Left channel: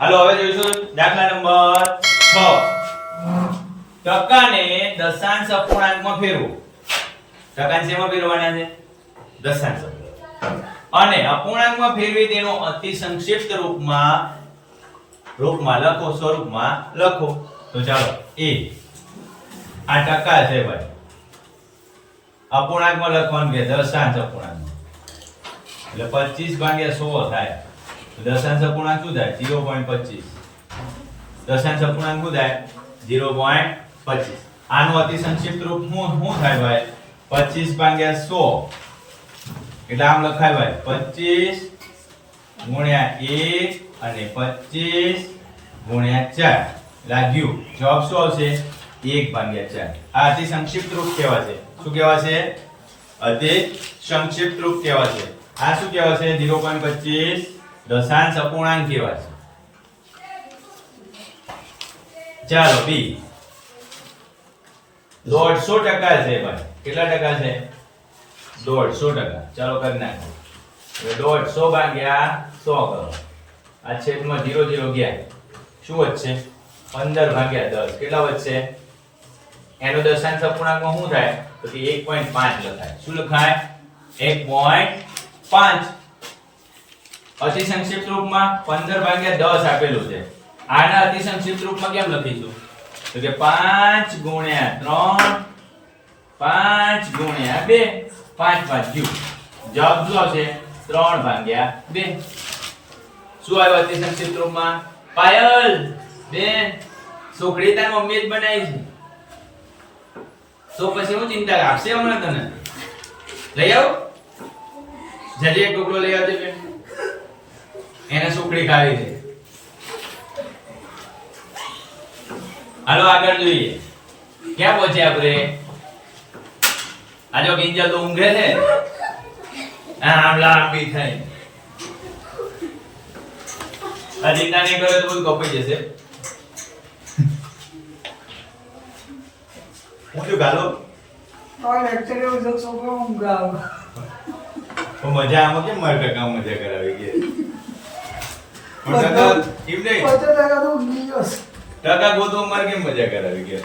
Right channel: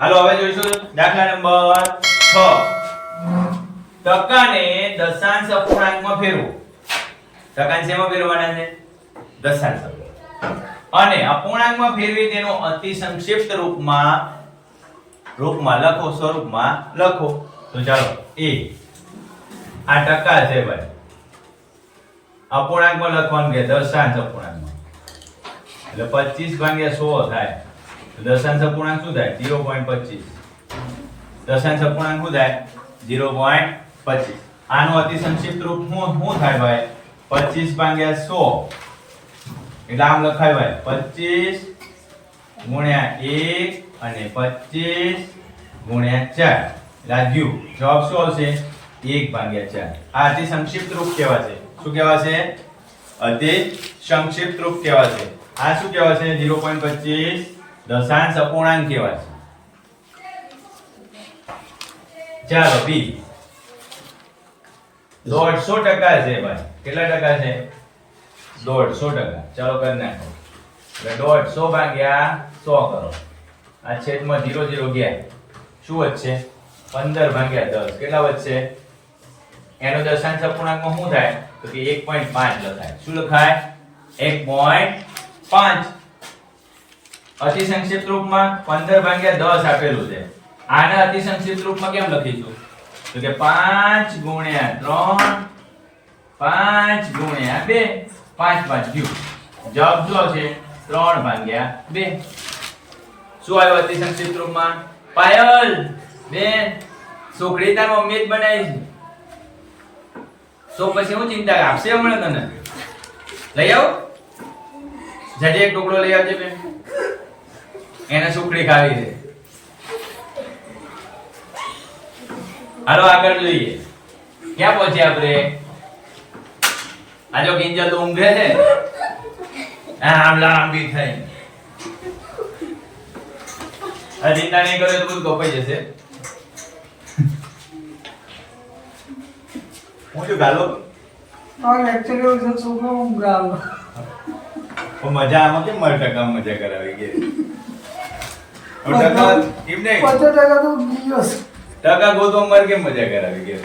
હાલો હવે જોઈશું દાખલા નંબર 6. ટકાને દશાંશ અપૂર્ણાંકમાં ફેરવો. ટકાને શેમાં ફેરવાના છે? દશાંશ અને અપૂર્ણાંકમાં ફેરવી તેનો અતિ સંક્ષિપ્ત રૂપમાં લખો, સ્વરૂપમાં લખો. તો ચાલો a આ ટકા છે ભાઈ, અપૂર્ણાંકમાં લખવાનું કે દશાંશ અપૂર્ણાંકમાં, એટલે 25/100 થાય. દશાંશ અપૂર્ણાંક શું થાય? 0.25. દશાંશ અપૂર્ણાંક શું થાય? 0.25. આનું અતિ સંક્ષિપ્ત રૂપ શું થાય ભાઈ? 25/100. એટલે આમ લખાય ભાઈ 25 × 1 અને 25 × 4. લાગ્યું? જવાબ શું આવશે? 1/4. આ અતિ સંક્ષિપ્ત રૂપ કહેવાશે. શું કહેવાશે? અતિ સંક્ષિપ્ત રૂપ કહેવાશે. આ શું કહેવાશે? 0.25 દશાંશ અપૂર્ણાંક કહેવાશે. ચાલો બી 150% છે ભાઈ. કેટલા ટકા છે? 150%. ચાલો કરી નાખો. એટલે 150/100 કરો. આ છેદમાં 0 0 ગયા. શું વધશે? 15/10. કેટલા વધશે? એનો દશાંશ અપૂર્ણાંકમાં શું થાય? તો કે 1.5 લખાય. શું લખાય? 1.5. અતિ સંક્ષિપ્ત રૂપમાં 15/10 આપેલું છે. આના અતિ સંક્ષિપ્ત રૂપમાં કેમ લખીશું? તો કે 5 × 3 5 × 2 5 5 ગયું. જવાબ શું આવશે? 3/2. શું આવ્યું અતિ સંક્ષિપ્ત રૂપમાં? પાયલ બેન છોકરી તાર મમ્મી જ બનાવી છે. તો પછી હું ચિંતા આપશે હમણાં તને. લઈ આવો જજે, એક ટુકડો લઈ આવજે બેન, એને સુખડી ખાવી છે. હાલો આગળ જોઈએ. ક્યાં પહોંચ્યા આપણે? આ જો કિંજલ તો ઊંઘે છે, આમ લાંબી થઈ. આ ચિંતા નહીં કરો તો બધું કપાઈ જશે. હું તો ગાલો લેક્ચર એવું છે, છોકરો ઊંઘ આવે. મજા આમાં કેમ મારે ટકા મજા કરાવી કે ટકા કેમ નહીં? 50% તો દિવસ ટકા ગોતો મારે કેમ મજા કરાવી કે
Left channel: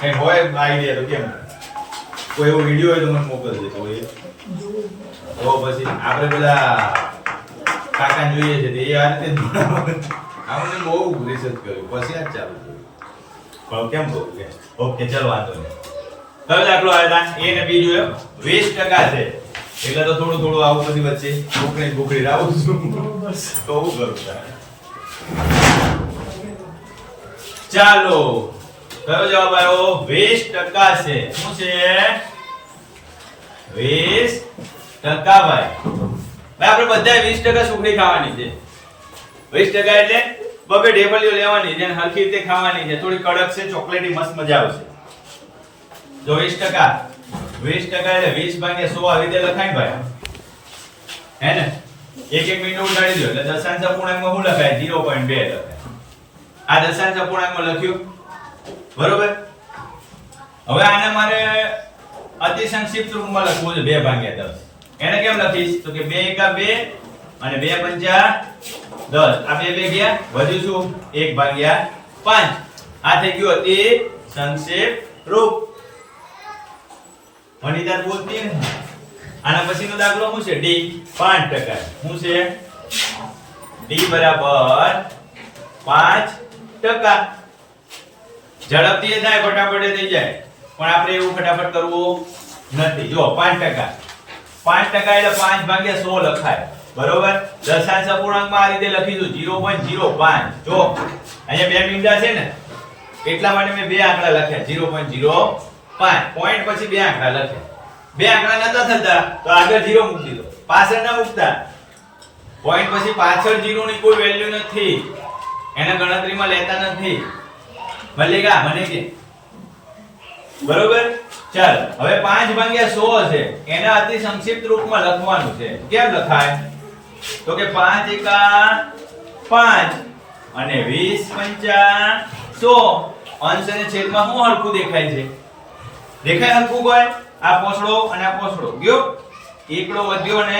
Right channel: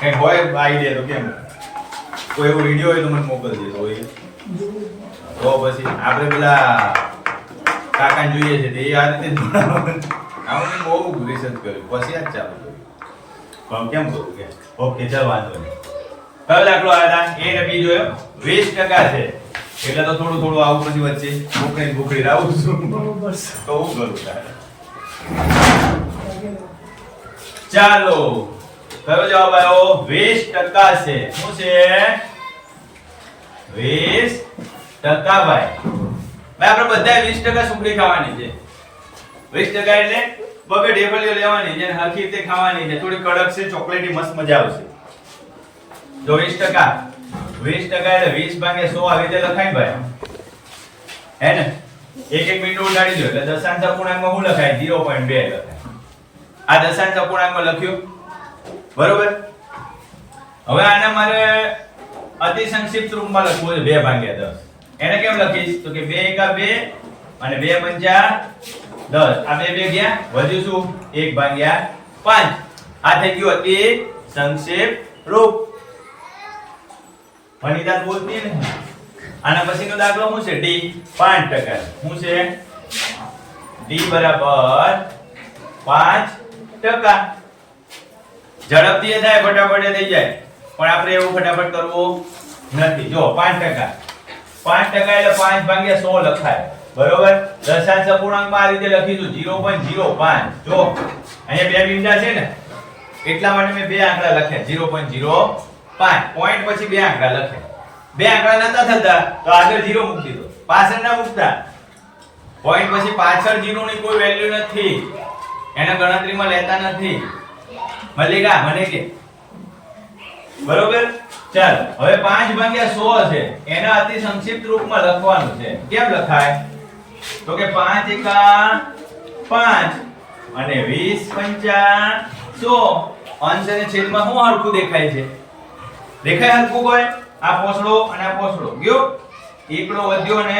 કઈ હોય આઈડિયા તો કેમ? કોઈ એવો વિડિયો હોય તો મને મોકલજે. તો હોય તો પછી આપણે પેલા કાકાને જોઈએ છે તે આ રીતે આમને બહુ રિસર્ચ કર્યું પછી આ ચાલુ કર્યું. કેમ કહું કે ઓકે ચાલ વાંધો નહીં. કયો દાખલો આવ્યા હતા? A ને B જોયો. 20% છે એટલે તો થોડું થોડું આવું પછી વચ્ચે ભૂખડી રાવું છું તો હું કરું તારે. ચાલો કયો જવાબ આવ્યો? 20% છે. શું છે? 20% ભાઈ. આપણે બધા 20% સુખડી ખાવાની છે. 20% એટલે બબે ઢેબલીઓ લેવાની છે, હરખી રીતે ખાવાની છે. થોડી કડક છે, ચોકલેટી મસ્ત મજા આવશે. તો 20% 20% એટલે 20/100 આવી રીતે લખાય ભાઈ. હે ને? એક મિનિટ ઉડાડી દો એટલે દશાંશ અપૂર્ણાંકમાં શું લખાય? 0.2 લખાય. આ દશાંશ અપૂર્ણાંકમાં લખ્યું બરોબર. હવે આને મારે અતિ સંક્ષિપ્ત રૂપમાં લખવું છે 2/10. એને કેમ લખીશ? તો કે 2 × 2 અને 2 × 5 10. આ 2 2 ગયા, વધ્યું શું? 1/5. આ થઈ ગયું અતિ સંક્ષિપ્ત રૂપ. વનિતા બોલતી ને. આના પછીનો દાખલો શું છે? D 5%. શું છે? D બરાબર 5%. ઝડપથી થાય, ફટાફટ થઈ જાય, પણ આપણે એવું ફટાફટ કરવું નથી. જો 5%. 5% એટલે 5/100 લખાય બરોબર. દશાંશ અપૂર્ણાંકમાં આ રીતે લખીશું 0.05. જો અહીંયા બે મીંડા છે ને એટલા માટે મેં બે આંકડા લખ્યા 0.05. પોઈન્ટ પછી બે આંકડા લખ્યા. બે આંકડા નતા થતા તો આગળ 0 મૂકી દીધો, પાછળ ના મૂકતા. પોઈન્ટ પછી પાછળ 0 ની કોઈ વેલ્યુ નથી, એને ગણતરીમાં લેતા નથી. મલ્લિકા મને કે બરોબર. ચાલો હવે 5/100 છે, એના અતિ સંક્ષિપ્ત રૂપમાં લખવાનું છે. કેમ લખાય? તો કે 5 × 5 અને 20 × 100. અંશ અને છેદમાં શું હરખું દેખાય છે? દેખાય હરખું કોઈ? આ પોછડો અને આ પોછડો ગયો, એકડો વધ્યો અને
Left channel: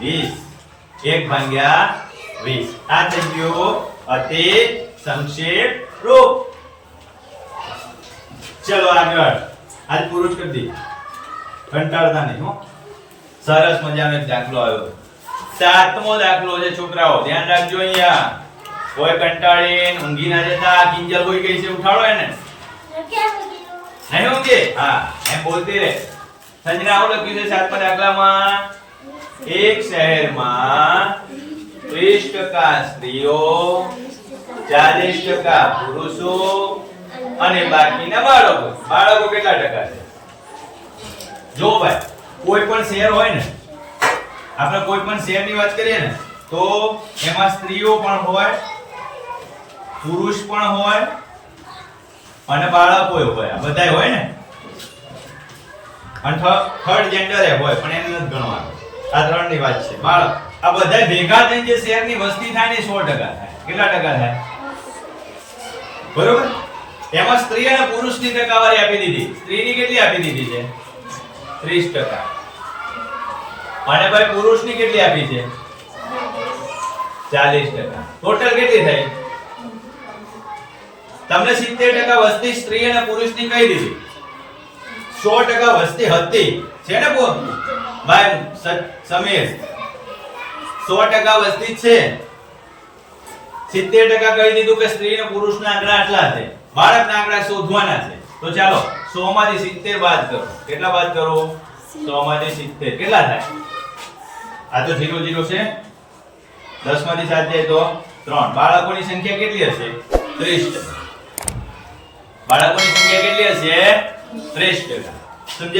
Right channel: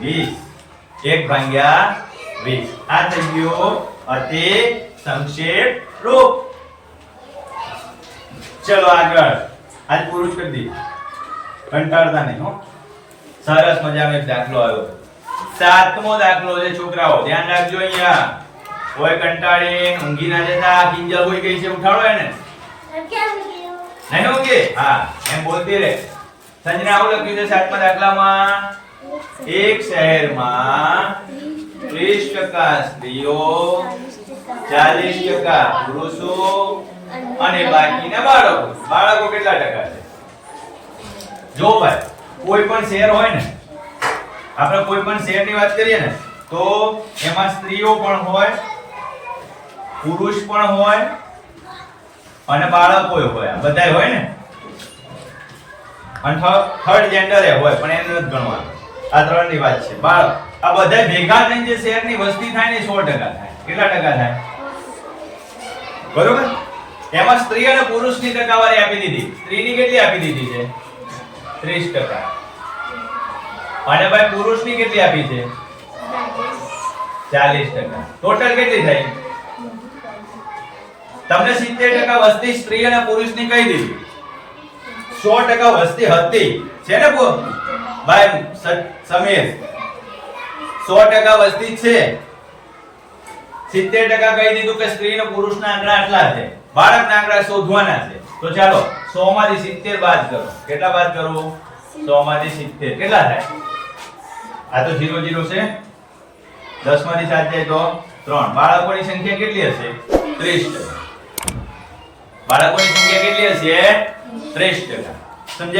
20. 1/20. આ થઈ ગયો અતિ સંક્ષેપ રૂપ. ચલો આગળ. આજ પૂરું જ કરી દઈએ. કંટાળતા નહીં હો. સરસ મજાનો એક દાખલો આવ્યો. 7મો દાખલો છે છોકરાઓ, ધ્યાન રાખજો. અહીંયા કોઈ કંટાળીને ઊંઘી ના જતા. આ કિંજલ હોઈ ગઈ છે, ઉઠાડો એને. નહીં ઊંઘી? હા, એમ બોલતી રહે. સંજના આવું લખ્યું છે 7મા દાખલામાં, એક શહેરમાં 30% સ્ત્રીઓ, 40% પુરુષો અને બાકીના બાળકો. બાળકો કેટલા ટકા છે? જો ભાઈ, કોઈ પણ શહેર હોય ને, આપણે કોઈ પણ શહેરની વાત કરીએ ને, તો એમાં સ્ત્રીઓ પણ હોય, પુરુષ પણ હોય અને બાળકો હોય. આ બધાય હોય ને. અને થર્ડ જેન્ડર એ હોય, પણ એને નથી ગણવાનું. આ ત્રણની વાત છે. બાળક આ બધા ભેગા થઈને જે શહેરની વસ્તી થાય ને 100% થાય. કેટલા ટકા થાય? બરોબર. એમાં સ્ત્રી અને પુરુષની ટકાવારી આપી દીધી. સ્ત્રીની કેટલી આપી દીધી છે? 30%. અને ભાઈ પુરુષની કેટલી આપી છે? 40%. ટોટલ કેટલી થઈ? તમને 70% વસ્તી સ્ત્રી અને પુરુષની કહી દીધી. 100% વસ્તી હતી છે ને ભાઈ સમીર? 100% વસ્તી છે. 70% કહી દીધું કે સ્ત્રી અને પુરુષના આંકડા આટલા છે. બાળકના આંકડા શોધવાના છે. તો ચાલો 100 માંથી 70 બાદ કરો. કેટલા બાદ કરો? 100 માંથી 70 કેટલા થાય? આ તો 0 0 છે. 10 માંથી 7 જાય તો 3. બાળકોની સંખ્યા કેટલી હશે? 30%. બાળકોની સંખ્યા કેટલી હશે? 30%. સમજાય?